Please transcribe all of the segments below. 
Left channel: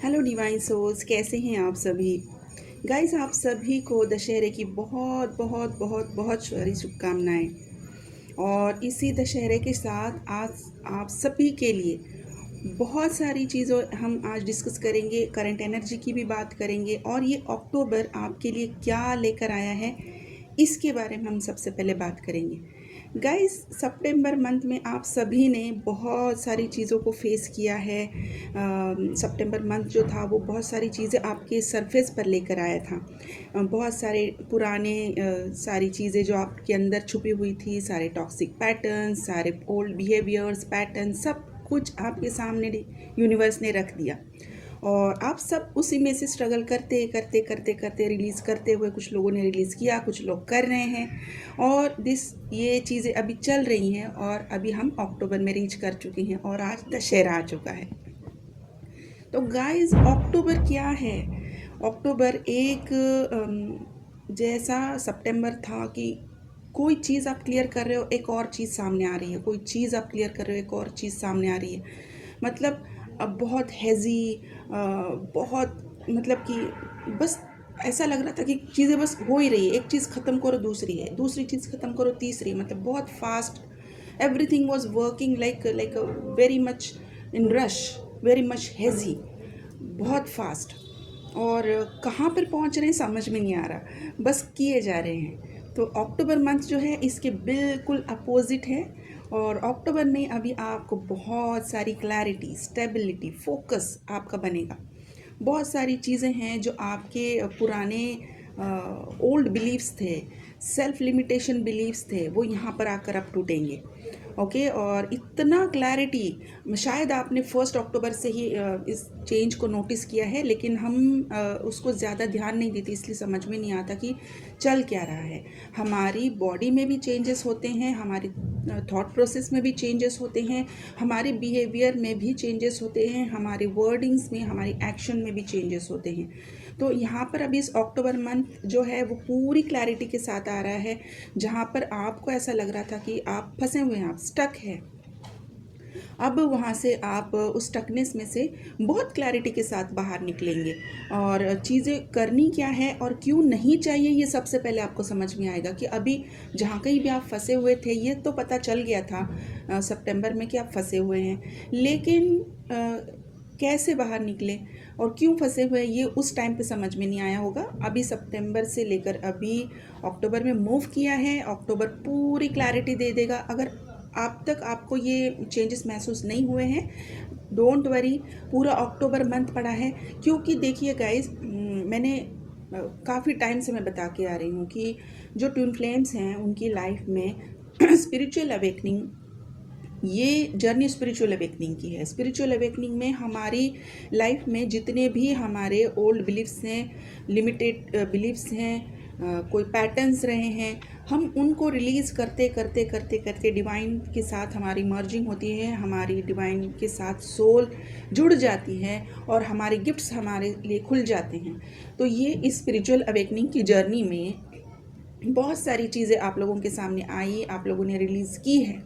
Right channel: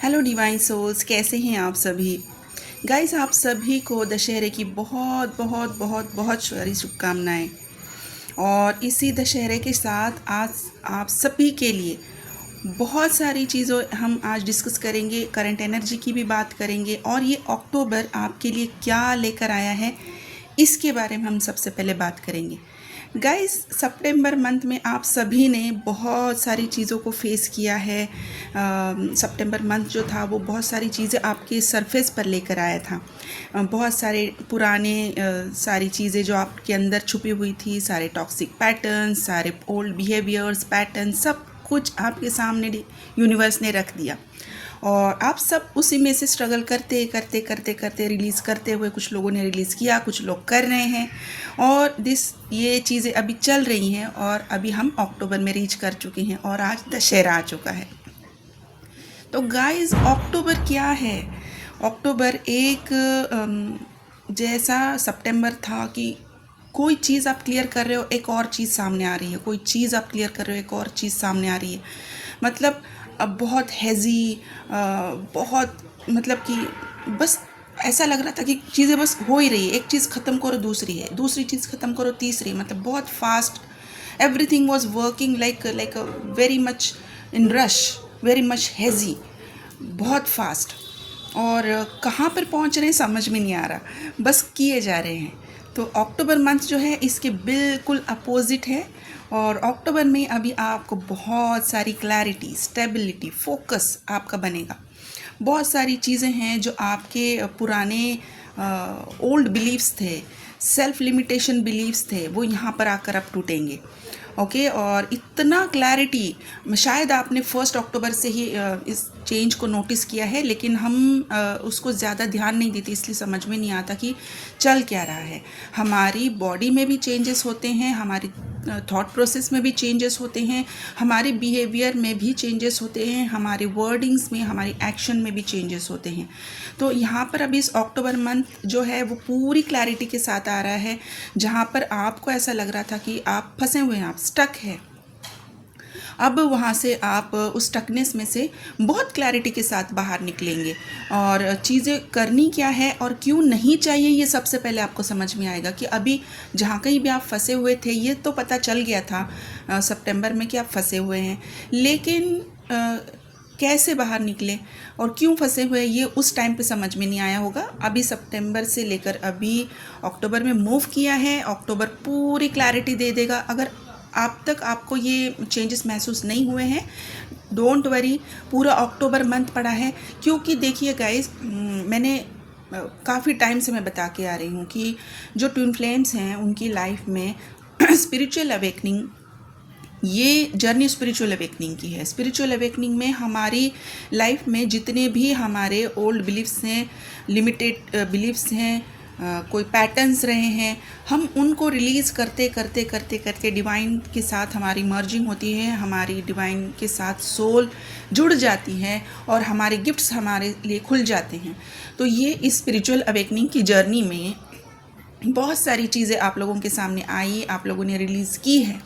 Hello divine souls, कैसे हैं आप सभी। गाइस, आप सभी को दशहरे की बहुत बहुत बहुत बहुत सारी शुभकामनाएं। और इसी दशहरे के साथ आज आप सभी के लिए बहुत सारी चीज़ों हम आज डिस्कस करेंगे। करंट एनर्जी की भी बात करेंगे और ये अक्टूबर आपके लिए क्या लेकर आया है इसके बारे में हम सबसे पहले बात करेंगे। गाइस, सितंबर मंथ में आप सभी ने बहुत सारी चीज़ों को फेस किया है। सितंबर मंथ जो था वो बहुत सारी चीज़ें आपके सरफेस पर लेकर आया था। बहुत सारे पुराने सारी चीज़ें जो आपके अंदर छुपी हुई थी, सारे टॉक्सिक पैटर्न्स, सारे ओल्ड बिहेवियर्स पैटर्न, सब कुछ आपके सामने यूनिवर्स ने रख दिया। और आप सब उसी में से स्ट्रगल करते करते करते करते रिलीज़ करते हुए, कुछ लोगों ने रिलीज़ किया, कुछ लोग कर रहे हैं और ये चीज़ें अभी चल रही हैं। और अभी हम अक्टूबर में रीच कर चुके हैं और आज दशहरा आ चुका है। तो गाइस, अक्टूबर क्या है? अक्टूबर एक जैसा सितंबर था कि कोई चीज़ आप क्लियर कर रहे हो, एक और चीज़ सामने आ रही है, कोई चीज़ आप क्लियर कर रहे हो, एक और चीज़ सामने आ रही है। मतलब अब बहुत हैज़ी, बहुत मतलब कि बस ऐसा लग रहा था कि चीज़ें बस हो ही रही है। एक चीज़ ख़त्म करो दूसरी है, दूसरी चीज़ ख़त्म करो तीसरी, मतलब बहुत fast. Everything was working like very much in rush, very much hazy, बहुत फास्ट। और कहाँ पर पहुँच रहे हैं समझ में नहीं आ रहा, बस किए जा रहे हैं। तो अक्टूबर मंथ जो है इसके बिल्कुल अपोजिट है। और अक्टूबर में अभी आपको बहुत सारी क्लैरिटी, स्टेबिलिटी, फोकस आपका बनेगा। बहुत सारी चीज़ें हैं जो आपके पुराने ओल्ड बिलीव्स थे, सेल्फ लिमिटेशन बिलीव्स थे, वो यहाँ पर आकर अब टूटेंगे। ओके, और इतना क्लैरिटी शायद आपने 1 अक्टूबर से ही इस चेंज को नोटिस किया है, लेकिन हम उसको ज़्यादा ध्यान नहीं देते, इसलिए समझ में नहीं आता कि चल क्या रहा है। हमारी बॉडी में भी चेंजेस होते हैं, हमारी थॉट प्रोसेस में भी चेंजेस होते हैं, हमारे बिहेवियर में भी चेंजेस होते हैं, हमारे वर्डिंग्स में, हमारी एक्शन में भी चेंजेस होते हैं। तो यहाँ पर अभी इस अक्टूबर मंथ जो है वो पूरी क्लैरिटी के साथ आ रहा है, जहाँ पर आपको ऐसा लग रहा था कि आप फंसे हुए हैं, आप स्टक हैं। अब वहाँ से आप उस स्टकनेस में से बहुत क्लैरिटी के साथ बाहर निकलेंगे और चीज़ें करनी क्या है और क्यों नहीं चाहिए, ये सबसे पहले आपको समझ में आएगा। कि अभी जहाँ कहीं भी आप फंसे हुए थे, ये तो पता चल गया था सितंबर में कि आप फंसे हुए हैं, लेकिन कैसे बाहर निकले और क्यों फंसे हुए ये उस टाइम पे समझ में नहीं आया होगा। अभी सितंबर से लेकर अभी अक्टूबर में मूव किया है, अक्टूबर पूरी क्लैरिटी दे देगा। अगर अब तक आपको ये चेंजेस महसूस नहीं हुए हैं, डोंट वरी, पूरा अक्टूबर मंथ पड़ा है। क्योंकि देखिए गाइस, मैंने काफ़ी टाइम से मैं बता के आ रही हूँ कि जो ट्विन फ्लेम्स हैं उनकी लाइफ में स्पिरिचुअल अवेकनिंग, ये जर्नी स्पिरिचुअल अवेकनिंग की है। स्पिरिचुअल अवेकनिंग में हमारी लाइफ में जितने भी हमारे ओल्ड बिलीफ्स हैं, लिमिटेड बिलीफ्स हैं, कोई पैटर्न्स रहे हैं, हम उनको रिलीज़ करते करते करते करते डिवाइन के साथ हमारी मर्जिंग होती है, हमारी डिवाइन के साथ सोल जुड़ जाती है और हमारे गिफ्ट्स हमारे लिए खुल जाते हैं। तो ये इस स्पिरिचुअल अवेकनिंग की जर्नी में बहुत सारी चीज़ें आप लोगों के सामने आई, आप लोगों ने रिलीज़ की है।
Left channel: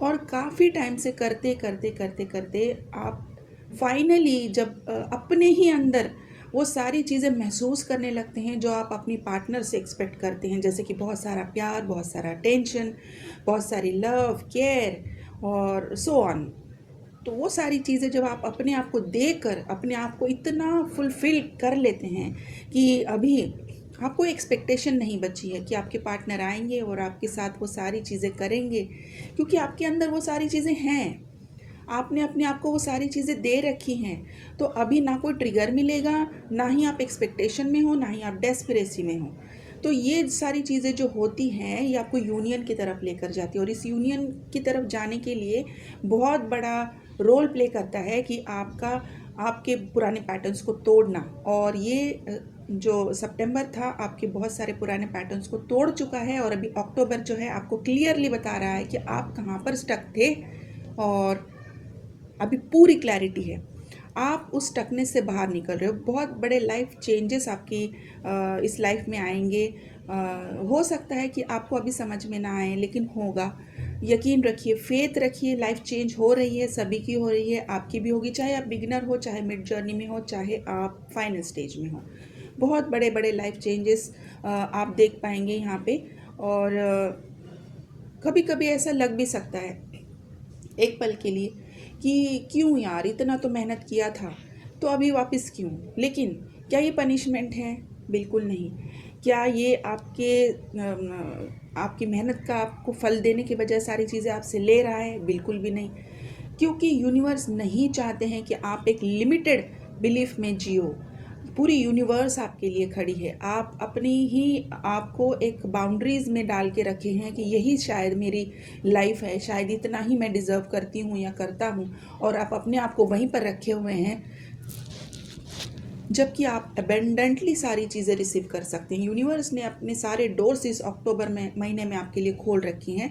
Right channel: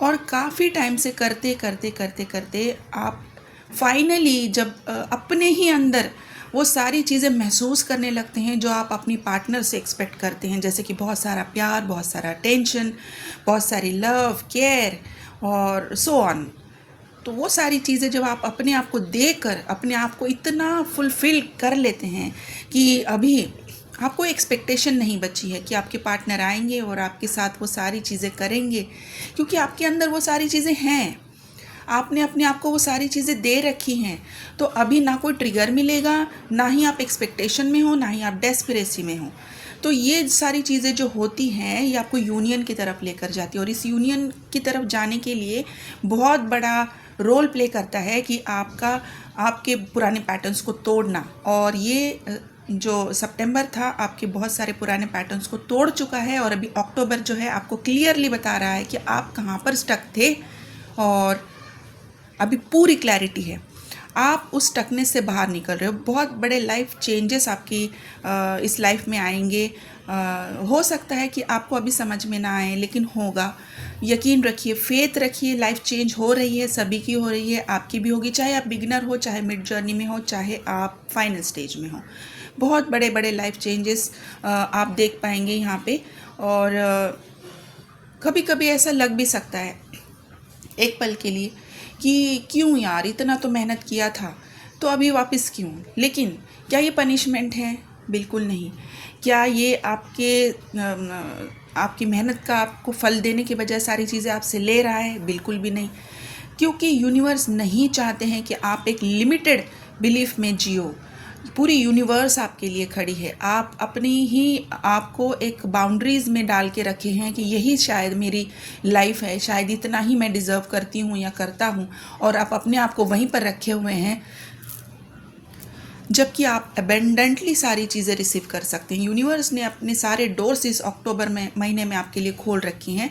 और काफ़ी टाइम से करते करते करते करते आप फाइनली जब अपने ही अंदर वो सारी चीज़ें महसूस करने लगते हैं जो आप अपनी पार्टनर से एक्सपेक्ट करते हैं, जैसे कि बहुत सारा प्यार, बहुत सारा अटेंशन, बहुत सारी लव, केयर और सो ऑन। तो वो सारी चीज़ें जब आप अपने आप को देकर अपने आप को इतना फुलफ़िल कर लेते हैं कि अभी आपको एक्सपेक्टेशन नहीं बची है कि आपके पार्टनर आएंगे और आपके साथ वो सारी चीज़ें करेंगे, क्योंकि आपके अंदर वो सारी चीज़ें हैं। आपने अपने आप को वो सारी चीज़ें दे रखी हैं। तो अभी ना कोई ट्रिगर मिलेगा, ना ही आप एक्सपेक्टेशन में हो, ना ही आप डेस्परेसी में हो। तो ये सारी चीज़ें जो होती हैं ये आपको यूनियन की तरफ लेकर जाती है, और इस यूनियन की तरफ जाने के लिए बहुत बड़ा रोल प्ले करता है कि आपके पुराने पैटर्न्स को तोड़ना। और ये जो सितंबर था आपके बहुत सारे पुराने पैटर्न्स को तोड़ चुका है, और अभी अक्टूबर जो है आपको क्लियरली बता रहा है कि आप कहाँ पर स्टक थे और अभी पूरी क्लैरिटी है। आप उस स्टकनेस से बाहर निकल रहे हो। बहुत बड़े लाइफ चेंजेस आपकी इस लाइफ में आएंगे। हो सकता है कि आपको अभी समझ में ना आए, लेकिन होगा। यकीन रखिए, फेथ रखिए, लाइफ चेंज हो रही है, सभी की हो रही है, आपकी भी होगी, चाहे आप बिगिनर हो, चाहे मिड जर्नी में हो, चाहे आप फाइनल स्टेज में हो। बहुत बड़े बड़े लाइफ चेंजेस आप देख पाएंगे यहाँ पे। और कभी कभी ऐसा लग भी सकता है एक पल के लिए कि क्यों यार, इतना तो मेहनत किया था तो अभी वापस क्यों। लेकिन क्या ये पनिशमेंट है? बिल्कुल नहीं। क्या ये आपकी मेहनत का आपको फल देने के बजाय सारी चीज़ें आपसे ले रहा है? बिल्कुल भी नहीं। क्योंकि यूनिवर्स नहीं चाहते हैं कि आप एक लिमिटेड बिलीफ में जियो। पूरी यूनिवर्स आपके लिए खड़ी है। आप अपनी ही आपको एक बाउंड्रीज में डाल के रखे हैं कि यही शायद मेरी लाइफ है, शायद इतना ही मैं डिज़र्व करती हूँ या करता हूँ, और आप अपने आप को वहीं पर रखे हुए हैं, जबकि आप अबेंडेंटली सारी चीज़ें रिसीव कर सकते हैं। यूनिवर्स ने अपने सारे डोर्स इस अक्टूबर महीने में आपके लिए खोल रखी हैं।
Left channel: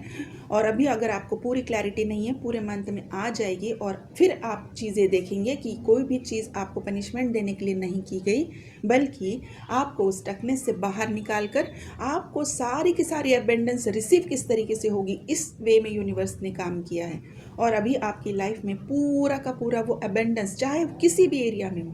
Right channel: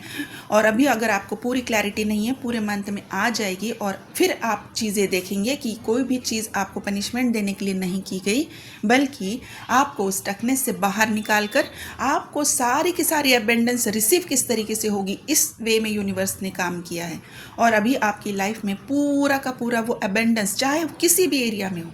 और अभी अगर आपको पूरी क्लैरिटी नहीं है, पूरे मंथ में आ जाएगी, और फिर आप चीज़ें देखेंगे कि कोई भी चीज़ आपको पनिशमेंट देने के लिए नहीं की गई, बल्कि आपको स्टकनेस से बाहर निकाल कर आपको सारी की सारी अबेंडेंस रिसीव किस तरीके से होगी, इस वे में यूनिवर्स ने काम किया है। और अभी आपकी लाइफ में पूरा का पूरा वो अबेंडेंस, चाहे किसी भी एरिया में हो,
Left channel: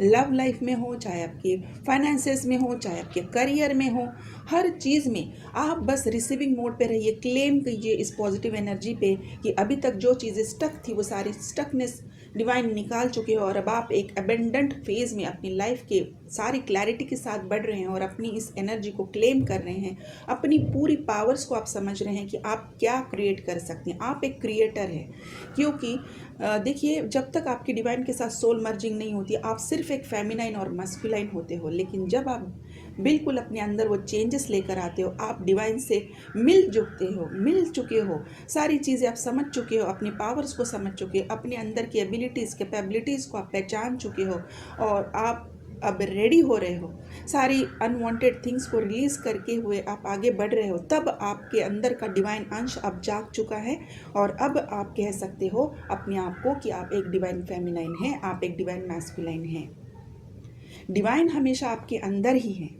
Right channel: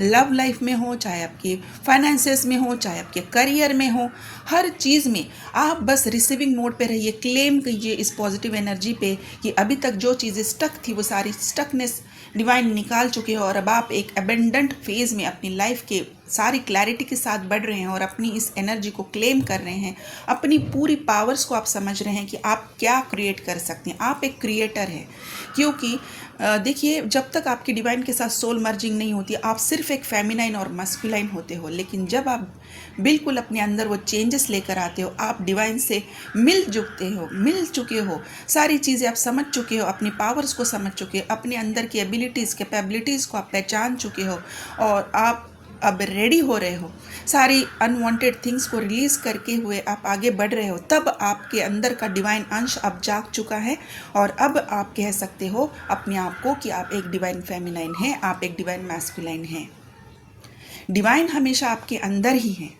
लव लाइफ में हो, चाहे आपके फाइनेंसेस में हो, चाहे आपके करियर में हो, हर चीज़ में आप बस रिसीविंग मोड पे रहिए। क्लेम कीजिए इस पॉजिटिव एनर्जी पे कि अभी तक जो चीज़ें स्टक थी वो सारी स्टकनेस डिवाइन निकाल चुके हो, और अब आप एक अबेंडेंट फेज़ में अपनी लाइफ के सारी क्लैरिटी के साथ बढ़ रहे हैं और अपनी इस एनर्जी को क्लेम कर रहे हैं। अपनी पूरी पावर्स को आप समझ रहे हैं कि आप क्या क्रिएट कर सकते हैं। आप एक क्रिएटर हैं। क्योंकि देखिए, जब तक आपकी डिवाइन के साथ सोल मर्जिंग नहीं होती, आप सिर्फ एक फेमिनाइन और मस्कुलाइन होते हो। लेकिन जब आप बिल्कुल अपने अंदर वो चेंजेस लेकर आते हो, आप डिवाइन से मिल चुके हो, सारी चीज़ें आप समझ चुके हो, अपनी पावर्स को समझ चुके हो, अपने अंदर की एबिलिटीज़ कैपेबिलिटीज़ को आप पहचान चुके हो, और आप अब रेडी हो रहे हो सारी अनवांटेड थिंग्स को रिलीज़ करके हुए आप आगे बढ़ रहे हो, तब आपके अंदर का डिवाइन अंश अब जाग चुका है। और अब आप कह सकते हो अपने आप को कि आप एक डिवाइन फेमिनाइन हैं, आप एक डिवाइन मैस्कुलाइन हैं। डिवाइन हमेशा आपके अंदर ही है,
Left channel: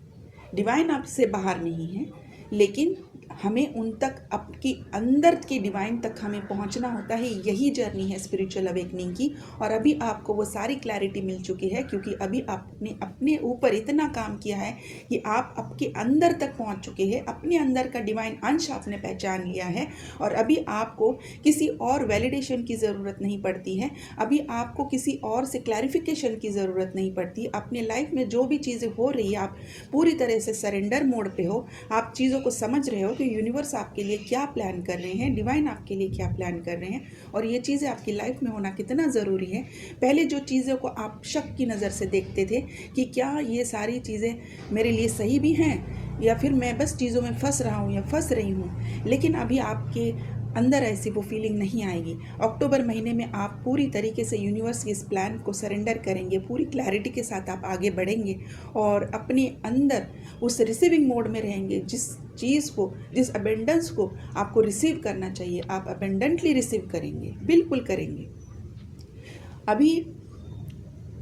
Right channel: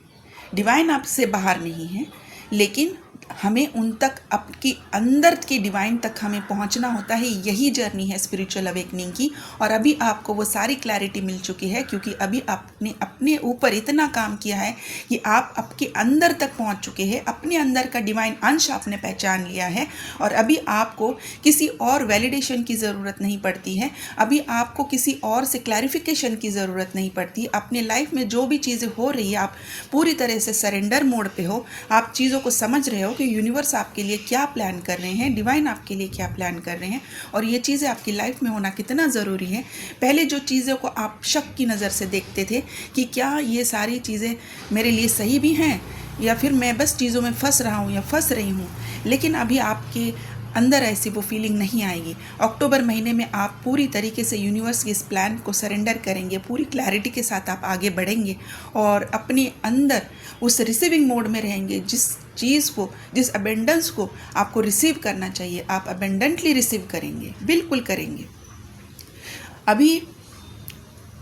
डिवाइन आपसे बाहर नहीं है। लेकिन हमें उन तक, आपकी अंदर की डिवाइन तक हमें पहुंचना होता है। यही जर्नी है स्पिरिचुअल अवेकनिंग की। और अभी आपको वो सारी क्लैरिटी मिल चुकी है, क्योंकि अभी आपने अपने ऊपर इतना काम किया है कि आप आपके अंदर तक पहुंच चुके हैं। अपने अंदर का डिवाइन अंश आपने पहचान लिया है, और अभी आपको किसी और वैलिडेशन की ज़रूरत नहीं पड़ती है। अभी आपको किसी और से क्लैरिफिकेशन की ज़रूरत नहीं पड़ती। अपने लाइफ में जो भी चीज़ें हो रही है, आप पूरी तरह से सरेंडर मोड पे हो। आप चीज़ों को समझ रहे हो कि यूनिवर्स आपके लिए क्या प्लान कर रहे हैं, डिवाइन आपके लिए क्या प्लान कर रहे हैं, और ये चीज़ें आपकी लाइफ में होना कितना ज़रूरी है। पहले जो चीज़ों को आप शक की नज़र से देखते थे कि क्या ये सारी चीज़ें मेरे लिए सही भी हैं, या फिर मैं बस चीज़ों में फंस रहा हूँ या फंस रही हूँ, लेकिन अभी आपके अंदर ऐसी वो फीलिंग नहीं आएगी। अक्टूबर महीने में आप पूरी तरीके से यूनिवर्स के इस प्लान को सरेंडर करेंगे, पूरी क्लैरिटी के साथ आप आगे बढ़ेंगे, और अपने अंदर उस रिसीविंग मोड में रहेंगे। जिस चीज़ को, जिस अबेंडेंस को आपको रिसीव करना चाहिए, आप अबेंडेंटली रिसीव करेंगे, बिल्कुल करेंगे।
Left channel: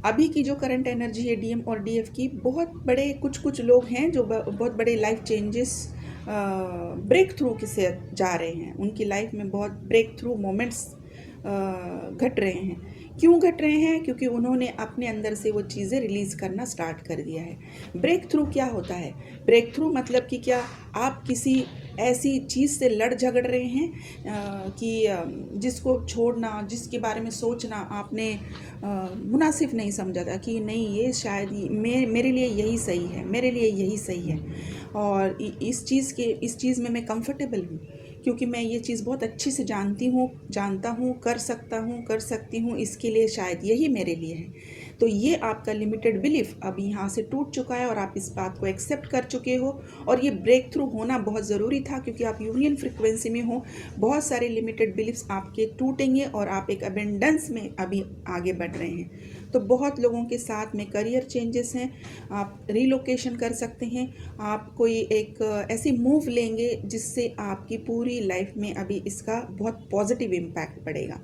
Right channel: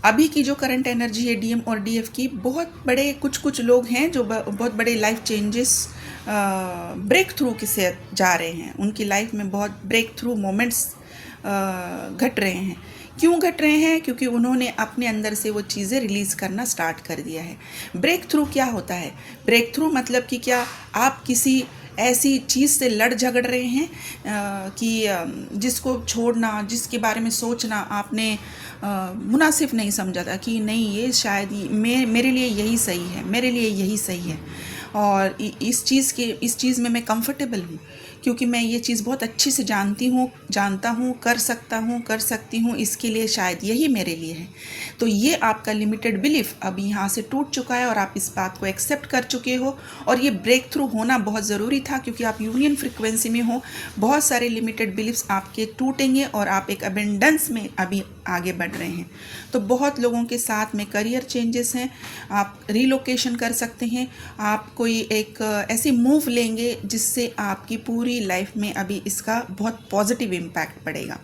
अभी की जो करंट एनर्जी है डीएम और डीएफ की, बहुत बड़े कुछ लोग हैं जो बहुत बड़े लाइफ चेंजेस, ब्रेक थ्रू के से जा रहे हैं। उनकी लाइफ में बहुत ब्रेक थ्रू मोमेंट्स घट रहे हैं। क्यों घट रहे हैं? क्योंकि उन्होंने अपने अंदर से वो चीज़ें रिलीज़ करना स्टार्ट कर दिया है। ब्रेक थ्रू क्या होता है? ब्रेक थ्रू मतलब कि क्या आप किसी ऐसी चीज़ से लड़ झगड़ रहे हैं कि जिसको छोड़ना, जिसके बारे में सोचना आपने मुनासिब नहीं समझा था, कि नहीं ये शायद मेरे लिए यही सही है, मेरे लिए यही सही है, और इस चीज़ में मैं कंफर्टेबल हूँ, क्योंकि मैं ये चीज़ बहुत अच्छे से जानता हूँ, कर सकती हूँ, इसके लिए शायद यही मेरे लिए है। तो ये आपका लिमिटेड बिलीफ अब यहाँ से टूट चुका है, और आप इस बात को एक्सेप्ट कर चुके हो। और ये ब्रेक थ्रू होना बहुत ज़रूरी था, क्योंकि आप यूनियन फ्रिक्वेंसी में हो। बहुत सारे लिमिटेड बिलीफ्स आपके टूटेंगे, और आप एक अबेंडेंस में अभी आगे बढ़ रहे हैं। तो बहुत लोगों के साथ में करियर चेंजेस हैं, आप रिलोकेशन कर सकते हैं, आप कोई एक ऐसी मूव लेंगे जिससे आपकी पूरी लाइफ में अभी इसका बहुत पॉजिटिव इम्पैक्ट पड़ेगा।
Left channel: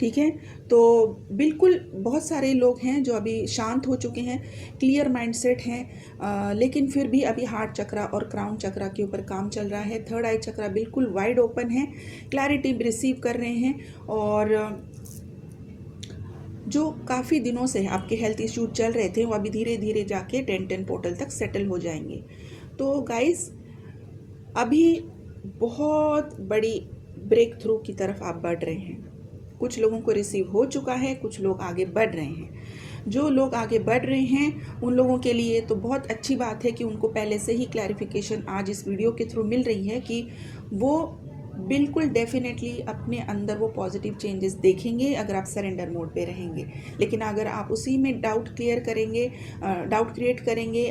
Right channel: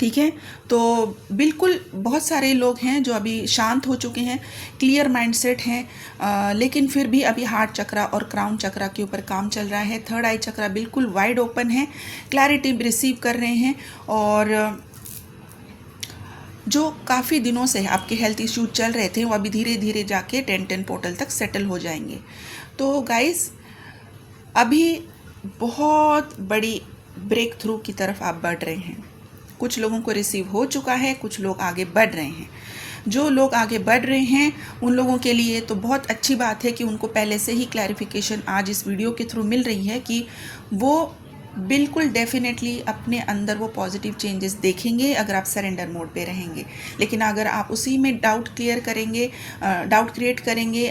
ठीक है। तो बिल्कुल बहुत सारे लोग हैं जो अभी शांत हो चुके हैं, क्लियर माइंडसेट हैं, लेकिन फिर भी अभी हार्ट चक्रा और क्राउन चक्रा के ऊपर काम चल रहा है। थर्ड आई चक्रा बिल्कुल वाइड ओपन है, क्लैरिटी रिसीव कर रहे हैं। और जो काफ़ी दिनों से आपके हेल्थ इश्यूज चल रहे थे वो अभी धीरे धीरे जाके 10-10 पोर्टल तक सेटल हो जाएंगे। तो गाइस अभी बहुत बड़ी ब्रेक थ्रू की तरफ आप बढ़ रहे हैं। कुछ लोगों को रिसीव हो चुका है, कुछ लोग आगे बढ़ रहे हैं। जो लोग आगे बढ़ रहे हैं उन लोगों के लिए तो बहुत अच्छी बात है कि उनको पहले से ही क्लैरिफिकेशन आज इस वीडियो के थ्रू मिल रही है कि वो बिल्कुल डेफिनेटली अपने अंदर वो पॉजिटिव चेंजेस देखेंगे अगर आप सरेंडर मोड पे रहेंगे। लेकिन अगर आप उसी में डाउट क्रिएट करेंगे,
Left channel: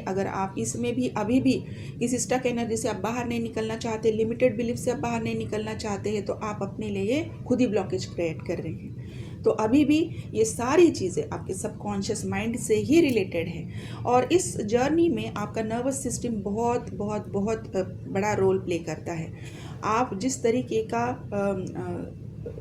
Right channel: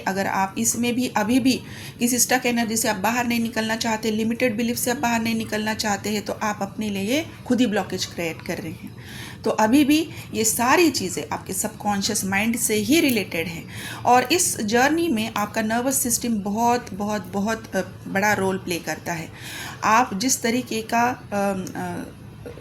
अगर आप इसमें भी अभी भी किसी स्टक एनर्जी से आप बाहर नहीं निकलना चाहते, लिमिटेड बिलीफ से आप बाहर नहीं निकलना चाहते हैं, तो आप अपने लिए खुद ही ब्लॉकेज क्रिएट कर रहे हैं। तो अभी भी ये सारी चीज़ें आपके सबकॉन्शियस माइंड से ही रिलेटेड है। और इस जर्नी में आपका नर्वस सिस्टम बहुत बहुत बहुत बड़ा रोल प्ले करता है। आप जिस तरीके का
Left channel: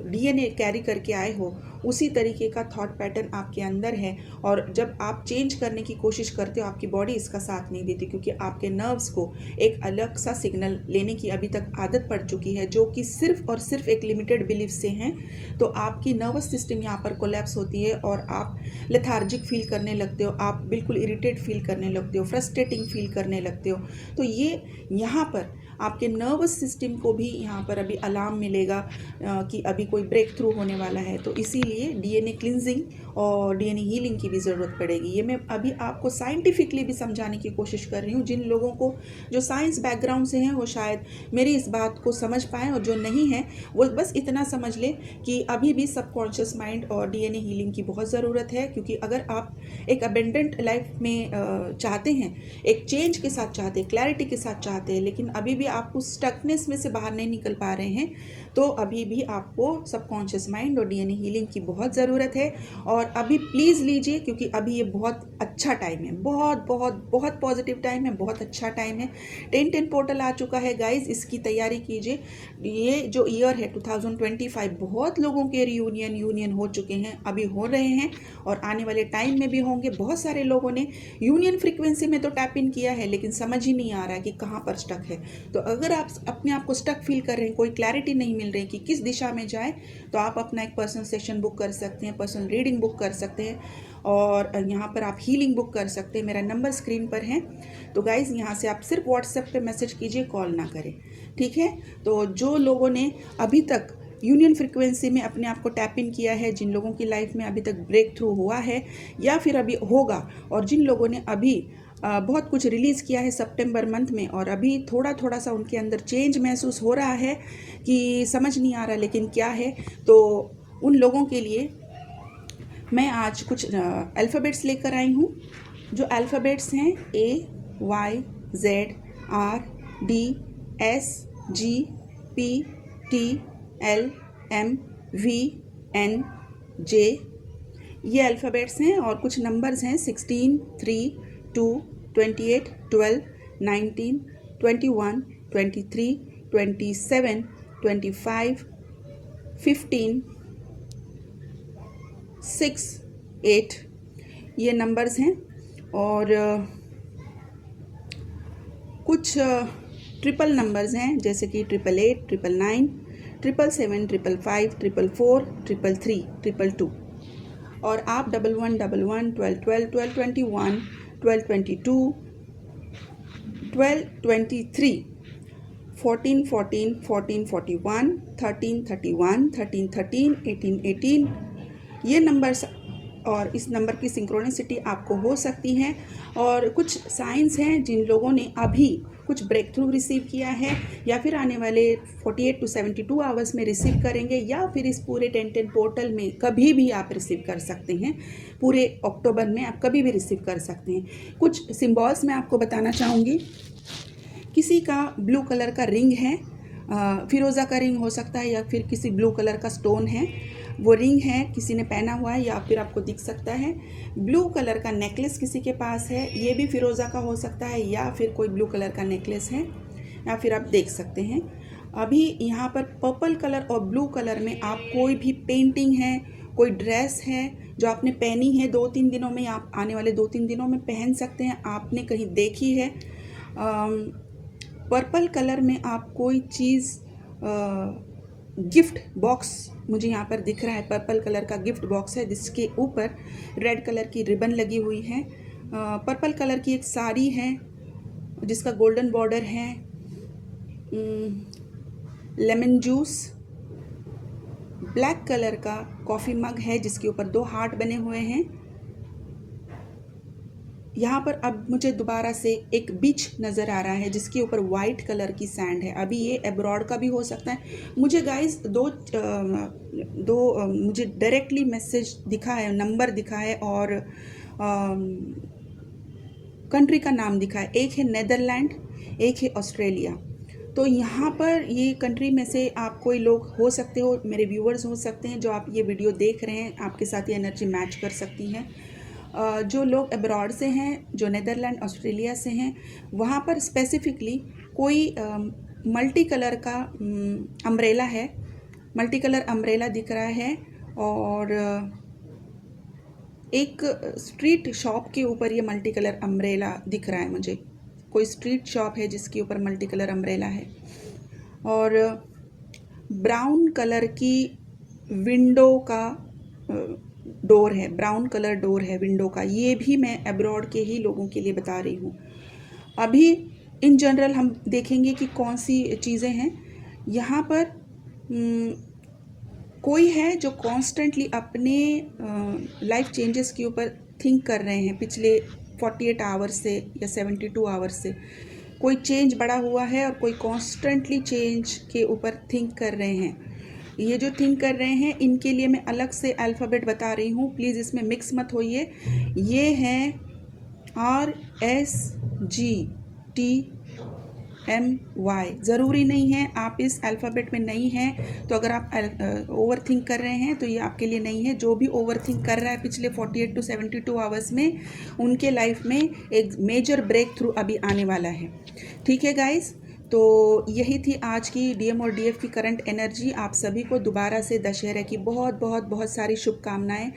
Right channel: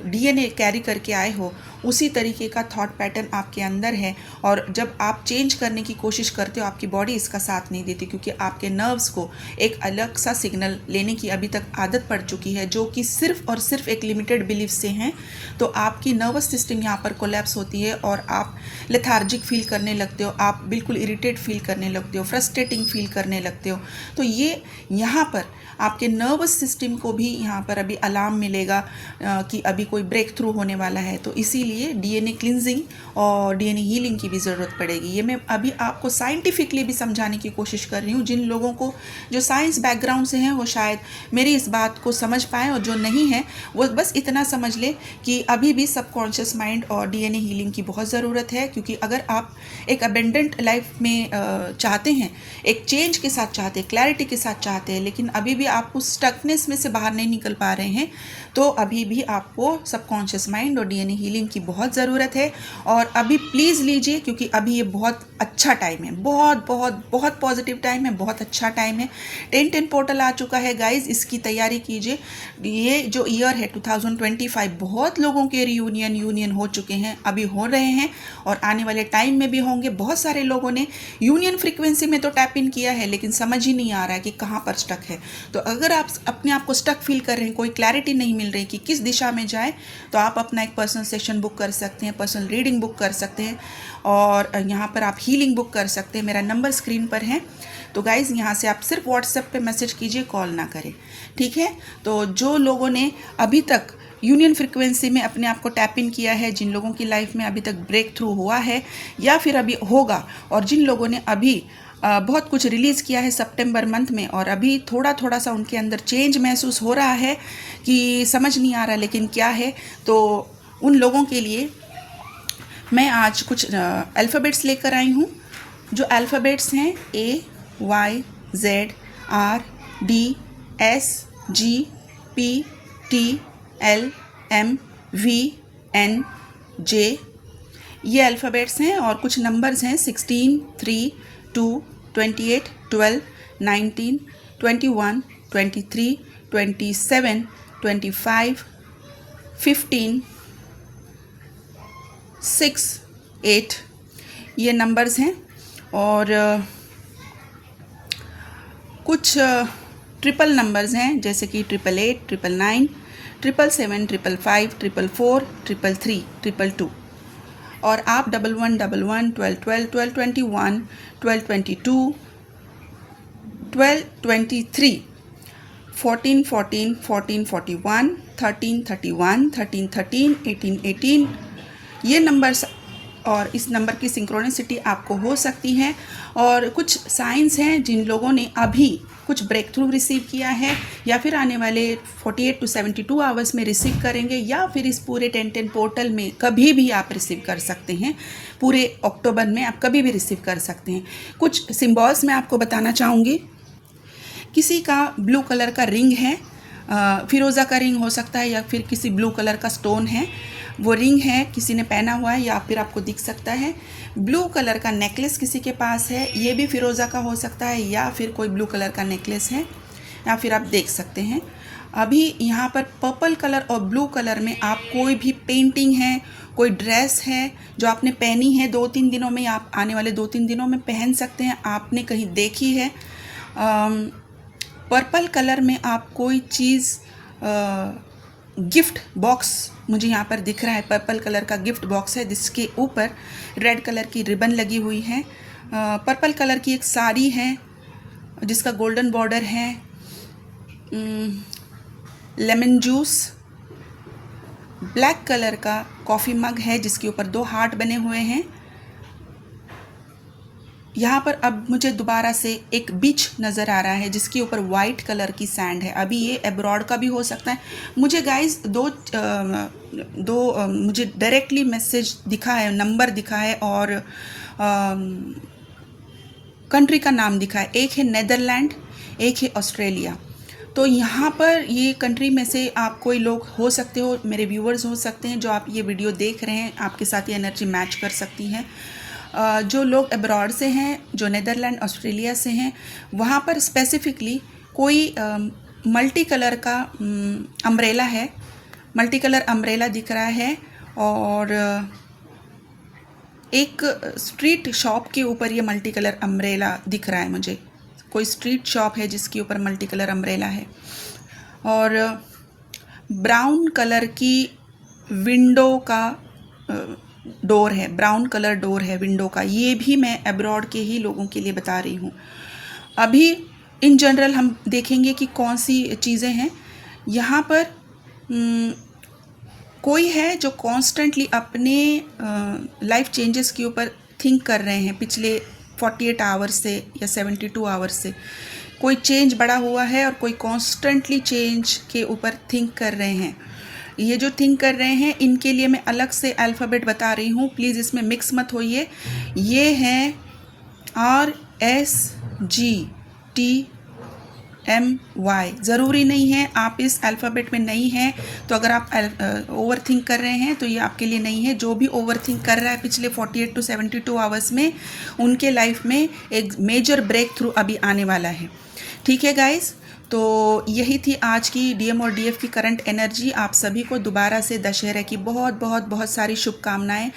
डीएनए कैरी करके आए हो उसी तरीके का थॉट पैटर्न आपके अंदर है। और जब आप चेंज करने की कोशिश करते हो आपकी बॉडी इसका साथ नहीं देती, क्योंकि आपके नर्व्स को एक अलग सा सिग्नल लेने की अभी तक आदत पड़ चुकी है जो कि सिर्फ और सिर्फ एक लिमिटेड बिलीफ से हैं। तो आपकी नर्वस सिस्टम यहाँ पर कोलैप्स होती है और आप लेथार्जिक फील करने लगते हो, आप बिल्कुल इरिटेट फील करने लगते हो, फ्रस्ट्रेटिंग फील करने लगते हो। तो ये यहाँ पर आपके नर्वस सिस्टम को भी यहाँ पर अभी अलार्म मिलेगा कि अभी कोई ब्रेक थ्रू होने वाला है। तो इसीलिए डीएनए क्लिनजिंग और डीएनए हीलिंग की भी ज़रूरत पड़ेगी। ये मैं अभी आपको साइंटिफिकली भी समझाने की कोशिश कर रही हूँ। जिन लोगों को जो साइंस बैकग्राउंड से हैं वो शायद मेरी इस बात को समझ पाएँ, और जो नहीं है वो बस इतना समझ ले कि अभी भी सबकॉन्शियस माइंड और डीएनए हीलिंग की बहुत ज़रूरत है। क्योंकि अगर आप एक अबेंडेंट लाइफ में चाहते हैं, एक चेंज के साथ चाहते हैं, क्लैरिटी के साथ चाहते हैं, लेकिन अभी भी आप उस स्टकनेस में से बाहर नहीं निकल पा रहे हैं, तो अभी भी आपको सबकॉन्शियस माइंड और डीएनए हीलिंग की बहुत ज़रूरत है। और अभी प्लीज़ लीजिए, क्योंकि अभी ये बहुत अच्छा टाइम है, बहुत बहुत बहुत पॉजिटिव टाइम है, बहुत अच्छा टाइम है। 10-10 पोर्टल आ चुका है गाइज, इसकी तैयारी कीजिए। ये जो ईयर है 2025, बहुत लोगों के यूनियन हो चुके हैं, अभी हो रहे हैं और आने वाले टाइम में भी होंगे। बहुत सारे लोगों ने यूनियन फ्रीक्वेंसी में तो टैप इन किया है, लेकिन समझ ही नहीं आ रहा है कि कहाँ पर स्टक है। तो अगर आप अपने आप को स्टक फील कर रहे हैं, कोई क्लैरिटी नहीं मिल रही कि किस दिशा में जाए, तो आप अपना एक पर्सनल सेशन बुक कर सकते हैं, पर्सनल रीडिंग बुक कर सकते हैं, और यहाँ पर आप हीलिंग बुक कर सकते हैं। मेरा नंबर स्क्रीन पर है। तो गाइज़ यहाँ से आप सिर्फ व्हाट्सएप पे मैसेज कीजिए, कॉल ना करें, ठीक है। तो जो लोगों ने अभी तक यूनियन फ्रिक्वेंसी में अपने आप को टैप इन किया है, जिन लोगों की लाइफ में अभी तक ब्रेक थ्रू हुआ है या फिर अभी होगा, और जिन लोगों ने अभी बहुत कुछ रिलीज़ किया है सितंबर मंथ में, और अभी थोड़ा थोड़ा सा उनके अंदर चेंज महसूस हो रहा है कि समझ नहीं आ रहा लेकिन क्या है, तो उन लोगों के लिए मैं आज कुछ अल्फ़ाबेट्स लेकर आई हूँ। जो अल्फ़ाबेट्स हैं AYZRDSGPTLMVNJ, ये अल्फ़ाबेट्स हैं। और कुछ नंबर्स हैं 16, 3, 2, 28, 12, 19, 21, 23, 27, 25, 15, 6, 8, ये नंबर्स हैं। और कुछ ट्रिपल नंबर्स हैं, जैसे कि 888, 999, 777, 555, 444, 333, 222। और आप 11, 11, 12, 12, 12, 21, 12, 22, 12, 23, 14, 14, 14, 41, 13, 31, 13, 13, 18, 18, ये नंबर्स और इस नंबर की सिंक्रोनिसिटी आपको हो सकती है। और कुछ साइंस हैं जिन लोगों ने अभी कुछ ब्रेक थ्रू रिसीव किया है, या फिर आने वाले 48 to 72 आवर्स में रिसीव करेंगे, या फिर इस पूरे 10-10 पोर्टल में कभी भी आप रिसीव कर सकते हैं। पूरे अक्टूबर में आप कभी भी रिसीव कर सकते हैं। कुछ सिम्बॉल्स मैं आपको बताना चाहूँगी। किसी का ब्लू कलर का रिंग है, फिरोज़ा का रिंग हो सकता है, या फिर किसी ब्लू कलर का स्टोन है, वो रिंग है, किसी ने पहना हुआ है या फिर आपको दिख सकता है। ब्लू कलर का नेकलेस किसी के पास है, ये भी फिरोज़ा का हो सकता है, या फिर कोई ब्लू कलर का नेकलेस है, या फिर आप देख सकते हैं। अभी यहाँ पर पर्पल कलर और ब्लू कलर में आप कोई भी पेंटिंग है, कोई ड्रेस है जो आपने पहनी है 2-3 दिनों में, आप आने वाले 2-3 दिनों में पहन सकते हैं, आपने कहीं देखी है। पर्पल कलर में आप कोई चीज़, गिफ्ट बॉक्स मुझे यहाँ पर दिख रहा है, पर्पल कलर का गिफ्ट बॉक्स है जिसके ऊपर रेड कलर की रिबन लगी हुई है। पर्पल कलर की एक साड़ी है जिसका गोल्डन बॉर्डर है। लेमन जूस, ब्लैक कलर का कॉफ़ी मग है जिसके ऊपर 2 हार्ट बने हुए हैं। यहाँ पर अब मुझे दोबारा से एक बीच नज़र आ रहा है जिसके ऊपर वाइट कलर की सैंड है। अभी ये अब्रॉड का भी हो सकता है। मुझे गाइस दो मुझे डायरेक्टली मैसेज दिखा है, नंबर दिखा है और कंट्री का नाम दिखा है। एक है नेदरलैंड, एक है ऑस्ट्रेलिया। तो यहाँ पर ये कंट्री में से आप कोई लोग हो सकते हो, मेरे व्यूवर्स हो सकते हैं जो आप ये वीडियो देख रहे हैं, आपके साथ ये एनर्जी मैच कर सकती हैं। जो लोग अब्रॉड से हैं, जो नेदरलैंड ऑस्ट्रेलिया से हैं, वहाँ पर स्पेसिफिकली कोई मल्टी कलर का अम्ब्रेला है, मल्टी कलर अम्ब्रेला दिख रहा है। और एक स्ट्रीट शॉप के ऊपर ये मल्टी कलर अम्ब्रेला दिख रहा है मुझे। कोई स्ट्रीट शॉप है जिसके ऊपर मल्टी कलर अम्ब्रेला है। और ब्राउन कलर की विंडो का डोर है, ब्राउन कलर डोर है विंडो का। ये भी मैं अब्रॉड के ही लोगों के लिए बता रही हूँ। अभी इन जनरल हम देखेंगे कि कौन सी चीज़ें हैं। यहाँ पर कोई है जो कॉन्स्टेंटली अपने लाइफ चेंजेस के ऊपर थिंक कर रहे हैं पिछले 48 आवर्स से या 72 आवर्स से। कोई चेंज बड़ा हुआ है और कोई कॉन्स्टेंटली चेंज के ऊपर थिंक कर रहे हैं। ये जो थिंक कर रहे हैं इनके लिए मैं अलग से अल्फ़ाबेट बता रही हूँ, प्लीज़ इसमें मिक्स मत होइए। ये हैं RSGTMY। ज़रूरी नहीं है आप इस अल्फ़ाबेट में नहीं हैं, तो अगर आप ओवर थिंक कर रहे हैं तो ये आपके लिए नहीं है। जो भी ओवर थिंक कर रहा है पिछले 48 to 72 आवर्स में, उनके लाइफ में एक मेजर ब्रेक थ्रू अभी आने वाला है। ठीक है गाइज़, तो यही थी आज की DM और DF की करंट एनर्जी। आप सभी को दोबारा से दशहरे की बहुत बहुत बहुत सारी शुभकामनाएं।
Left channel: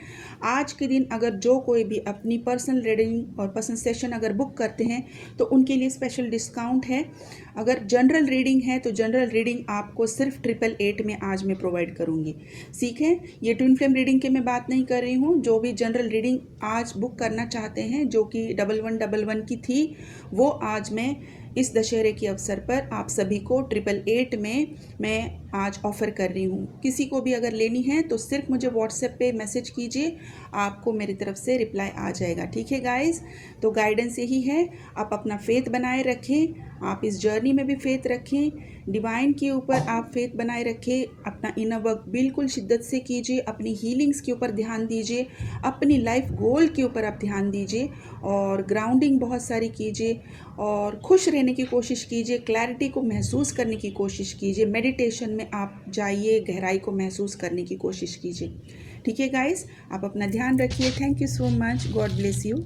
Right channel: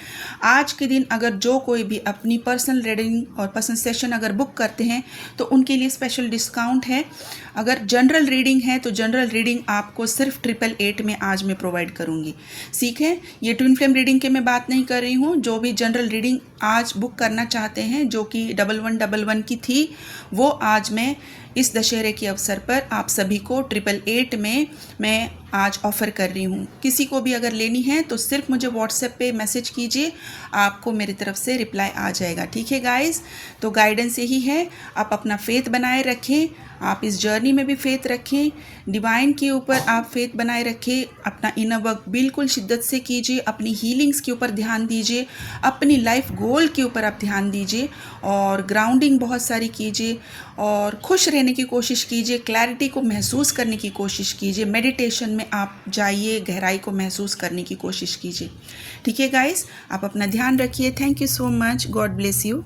आज के दिन अगर जो कोई भी अपनी पर्सनल रीडिंग और पर्सनल सेशन अगर बुक करते हैं तो उनके लिए स्पेशल डिस्काउंट है। अगर जनरल रीडिंग है तो जनरल रीडिंग आपको सिर्फ 888 में आज मैं प्रोवाइड करूँगी। ठीक है, ये ट्विन फ्लेम रीडिंग के मैं बात नहीं कर रही हूँ। जो भी जनरल रीडिंग आज बुक करना चाहते हैं, जो कि 1111 की थी, वो आज मैं इस दशहरे के अवसर पर आप सभी को 888 में मैं आज ऑफ़र कर रही हूँ। किसी को भी अगर लेनी है तो सिर्फ मुझे व्हाट्सएप पे मैसेज कीजिए, आपको मेरी तरफ से रिप्लाई आ जाएगा। ठीक है गाइस, तो गाइडेंस यही है, आप अपना फेथ बनाए रखें, आप इस जर्नी में भी फेथ रखें, डिवाइन के ऊपर आप फेथ बनाए रखें, अपना इनर वर्क बिल्कुल शिद्दत से कीजिए, अपनी हीलिंग्स के ऊपर ध्यान दीजिए, अपनी लाइफ गोल के ऊपर आप ध्यान दीजिए और ग्राउंडिंग बहुत सारी कीजिए और खुश रहने की कोशिश कीजिए, क्लैरिटी को महसूस करने की कोशिश कीजिए, मेडिटेशन में आप जाइए, गहराई को महसूस करने की कोशिश कीजिए। ठीक है गाइस, आप अपना ध्यान रखिए। Thank you so much, God bless you.